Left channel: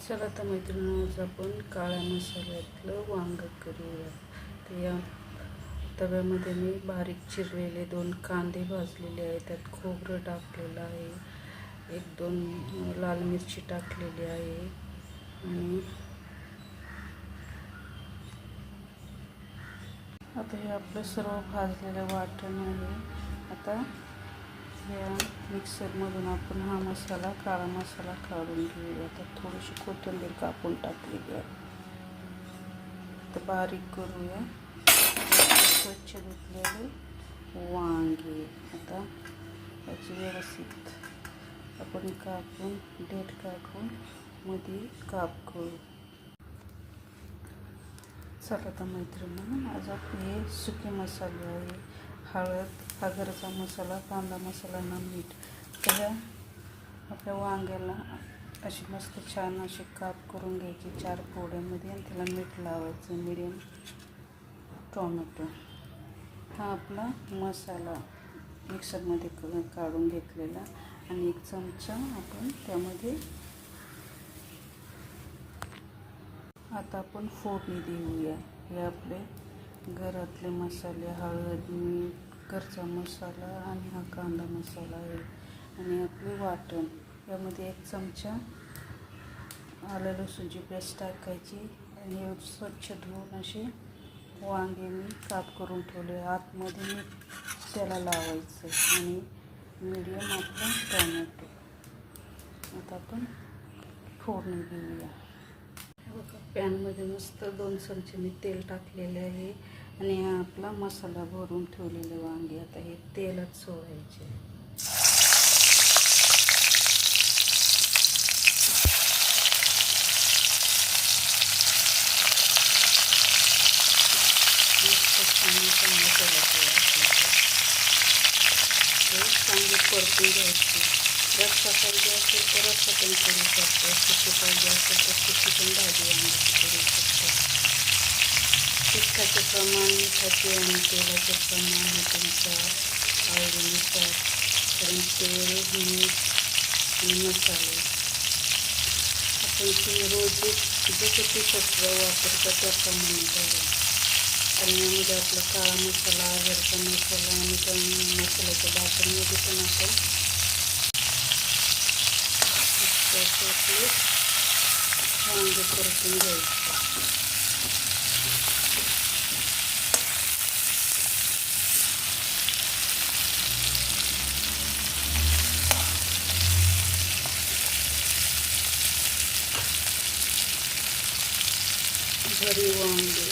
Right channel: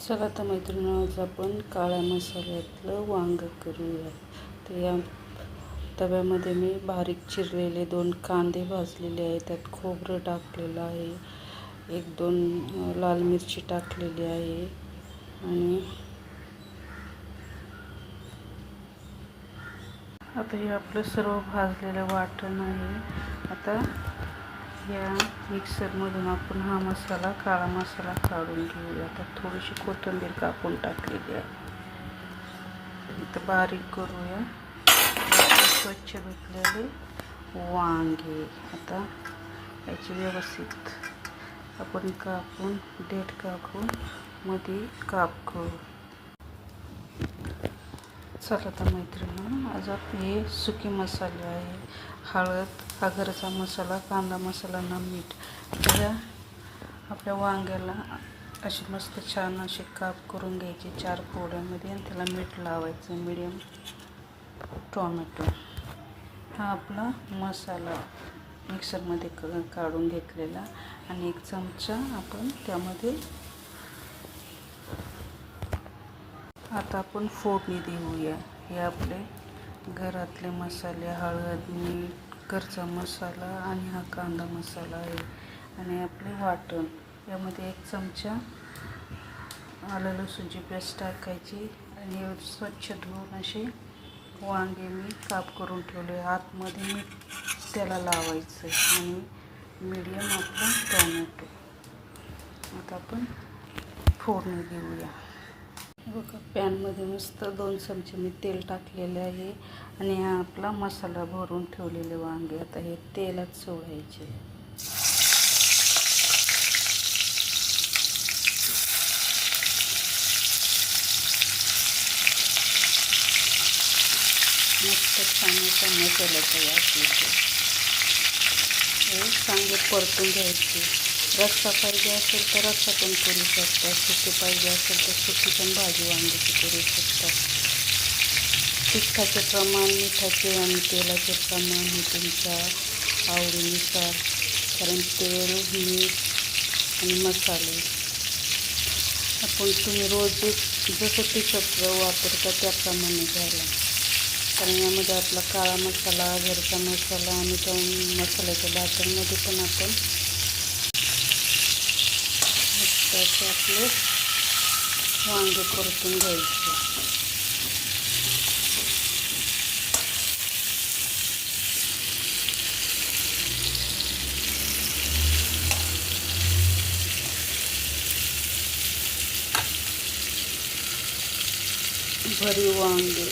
चला तर मैत्रिणी आज आपण काळ्या मसाल्यातलं वांग करूया तर या तव्यामध्ये मी बारीक चिरलेले दोन कांदे भाजलेले आहे त्यात खोबरं टाकलेलं आहे. एक दोन लाल मिरची टाकलेली आहे. आणि आता हे आपलं सर्व भाजलेलं वाटण आहे. आता या मिक्सरमधून आपण हा मसाला काळा मसाला काढून घेऊया. आता थोडीशी कोथिंबीर कापून टाकलेली आहे. तर बारीक करूया. स्वच्छ धुतलेले वांगे. आता याची व्यवस्थित आपण कापून डेट कापून मध्ये काप करू. चला तर मैत्रिणी आज आपले हे सुके मसाले आहे हळद हा मसाला कांदा मसाला ना मीठ. तर ह्या आपल्या वांग्याला अशी मस्त छान अशी काप करून घ्यायची चार पोळ्यामध्ये आणि त्याला मीठ लावायचं मिडियम टोमॅटो हा आपला मसाला मिक्सरमध्ये क काढून घेतलेला आणि एक चमचा आपण त्यामध्ये आता आपण फोडणी देऊया. हे आपले घरातले मसाले हळद मीठ घरचा मसाला आणि हा कांदा मसाला आहे. आणि आपले वाटण. यामध्ये एक चमचा आलं लसूणची पेस्ट टाकायची आणि हे स्वच्छ धुवून असे वांगे मी काप करून ठेवले. आतमध्ये मीठ त्याला लावायचं आणि मीडियम आपला टोमॅटो आता आपण फोडणी देऊया. बघा पॅनमध्ये मस्त दोन चमचे मी तेल टाकलेले आहे आणि हा आपला मसाला भरून ठेवलेले वांगे. आता हे तेलात सोडायचे. मस्त चांगले चांगले केलं आपलं चांगले परतून घ्यायचे. रस्सा पाहिजे असेल तर रस्सा पण करू शकता. सुकी पाहिजे असेल तर सुकी पण भाजी वांग्याची करू शकता. तिखटाचे प्रमाण मिठाचे आणि तेलाचे प्रमाण हे तुमच्या आवडीनुसार कारण तेल मीठ आणि मसाले आपण तुम्ही रोज जसं तिखट वापरता त्याप्रमाणे घ्यायला. कारण यामध्ये आपला काळा मसाला घरचा मसाला आणि त्या मसाल्याच्या बाटलमध्ये पण आपण मस्त आपले वांगे परतून घ्यायचे. भरी वांगे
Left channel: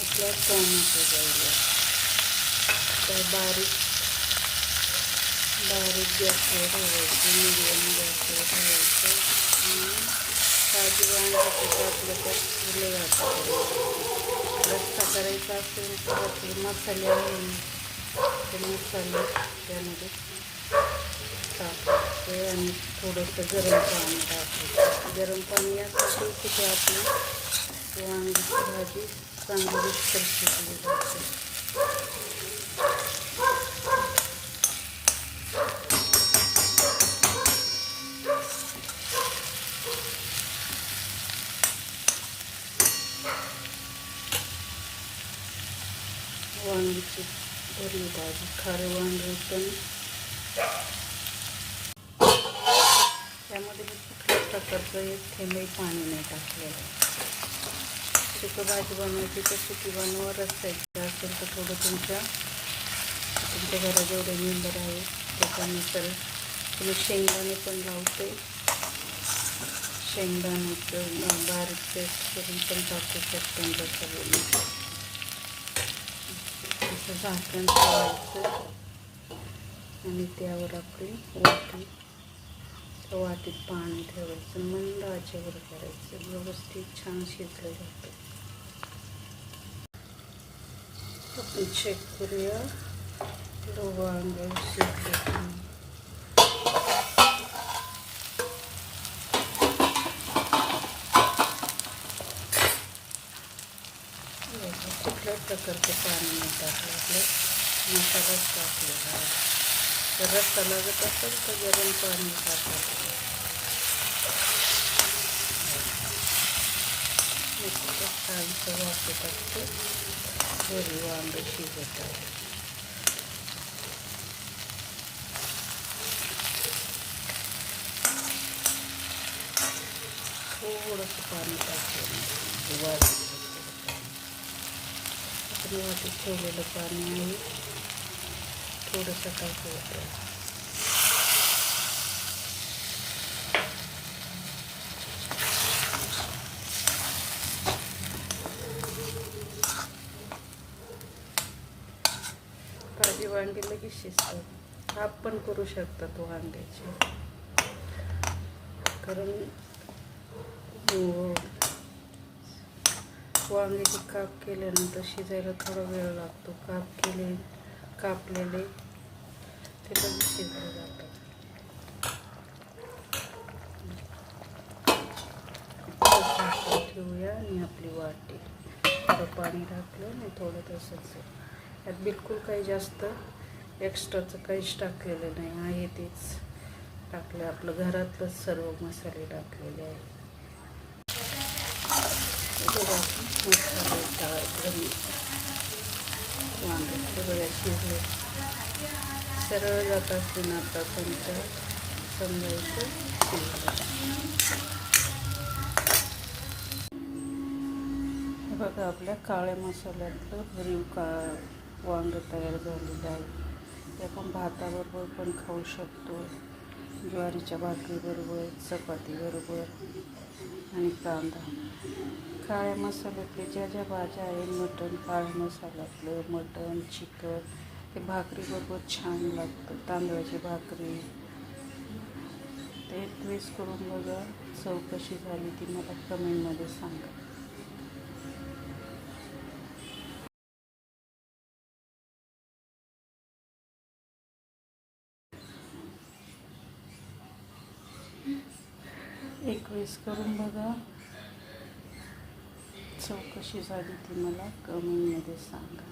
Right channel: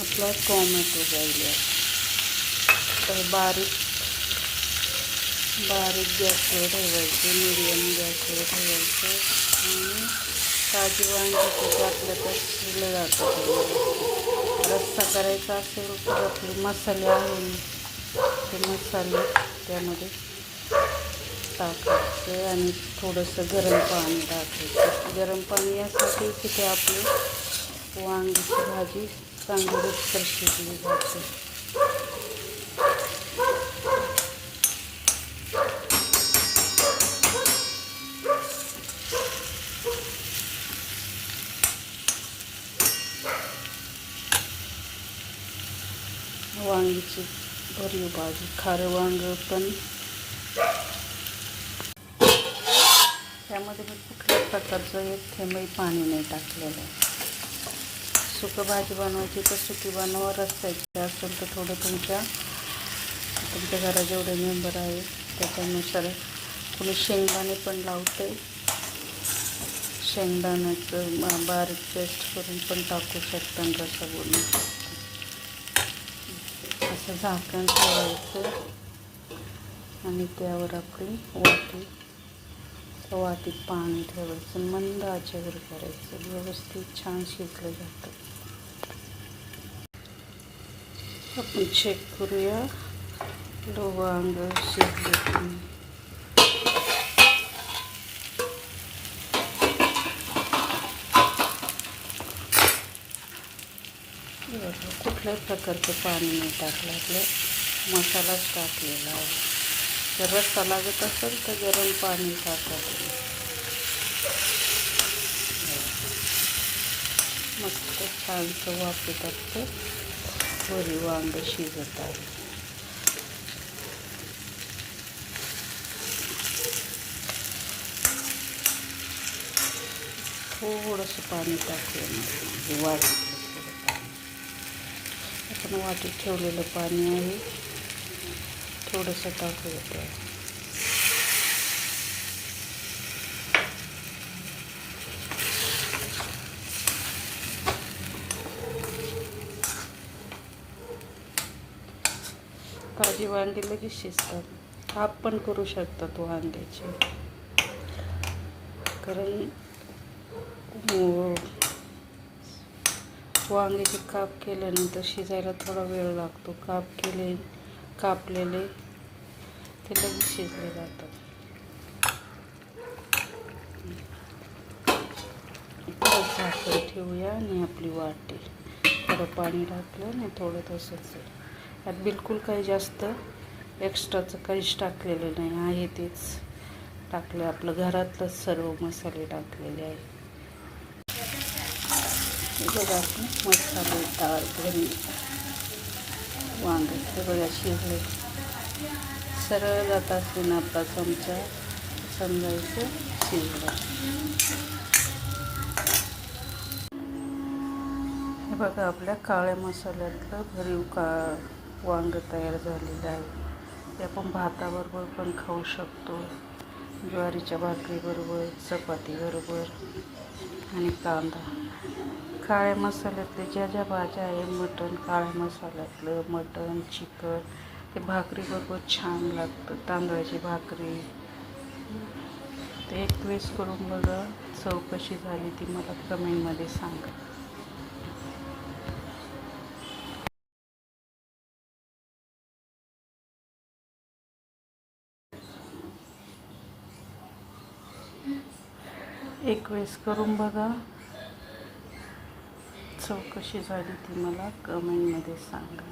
आपला टोमॅटो जाईल. तर बारीक बारीक गॅसवर ठेवायचे मिडियम गॅसवर ठेवायचं आणि ताजी वांगी टाकलं तर शिरले जातात रस्सा करायचा असेल तर आपले मसाले आहे ते मसाले त्यामध्ये. टाकायचे आणि थोडंसं गरम पाणी टाकायचं गरम पाणी यासाठी की ते आपली वांगीची भाजी चांगली रुचकर शिजली जाते. भरली भाजी खारे वांग पण त्यामध्ये मी कुठल्याच प्रकारचं भाजी बनवायची तर सुकी बनवा रस्त्याची असेल तर थोडं तुमच्या तुमच्या घरात जेवढे मेंबर आहे त्याच्यानुसार तुम्ही शेंगदाणे शेंगदाण्याचं बारीक पेस्ट टाकू शकता बनवून असं झाकण ठेवायचं आणि त्यावर आपली वाटी त्या वाटीत पाणी ठेवायचं मंद आचेवर करायचं. व्यवस्थित छान शिजलं जातं. आपण चेक करूया. लो अंग शिजले कुठल्याच प्रकारचं पाणी नाही टाकलं आपलं. मसालाच टाकलेला आहे. जर रस्सा लागत असेल तर गरम पाणी टाकायचं मस्त छानचं वापरत असते वरी वांग शिजत आहे. थोडंसं पाणी टाकलं वाढ आपण वाटीत ठेवलेलं पाणी आहे. थोडंसं टाकायचं ताजी वांगी लगेच शिजतात. काप पण करू शकतात वांग्याचे. कारण हो. वांग्याचे काप केल्यानंतर शिजायला थोडा वेळ लागतो. काप केले कापलेले ते लगेच शिजले जातं ठेवूया आणि आपली वाटी. थोडं पाणी टाकलं ना थोडं तसंच यात बिलकुल काही जास्त एक्स्ट्राचं काहीच टाकलेलं नाही. आहे तेच. टाकले आपलं घरातलंच सर्व मसाले टाकलेले आहे हे मसाले डाळ घरी वांगे सगळ्या शिजले सरळ जात असते ना आपला चमचा समजायचं शिजलं हे बघा आपल्या काळ्या मसाल्यातलं भरीव का वांग तयार झालेलं आहे. ते आपण भाताबरोबर पण खाऊ शकतो. ज्वारीच्या भाकरीबरोबर चपातीबरोबर आणि कांदा. काळ्या मसाल्यातले ज्या ज्या भाज्या आहे मटण काळ्या मसाल्यातलं मटण चिकन ते भाकरीबरोबर छान लागतं तांदळाची भाकरी. ते एक वेळेस करून बघा चव कशी झाली ती मला कमेंटमध्ये सांगा. एक वेळेस करून बघा. चौकशी झाली ती मला कमेंटमध्ये सांगा.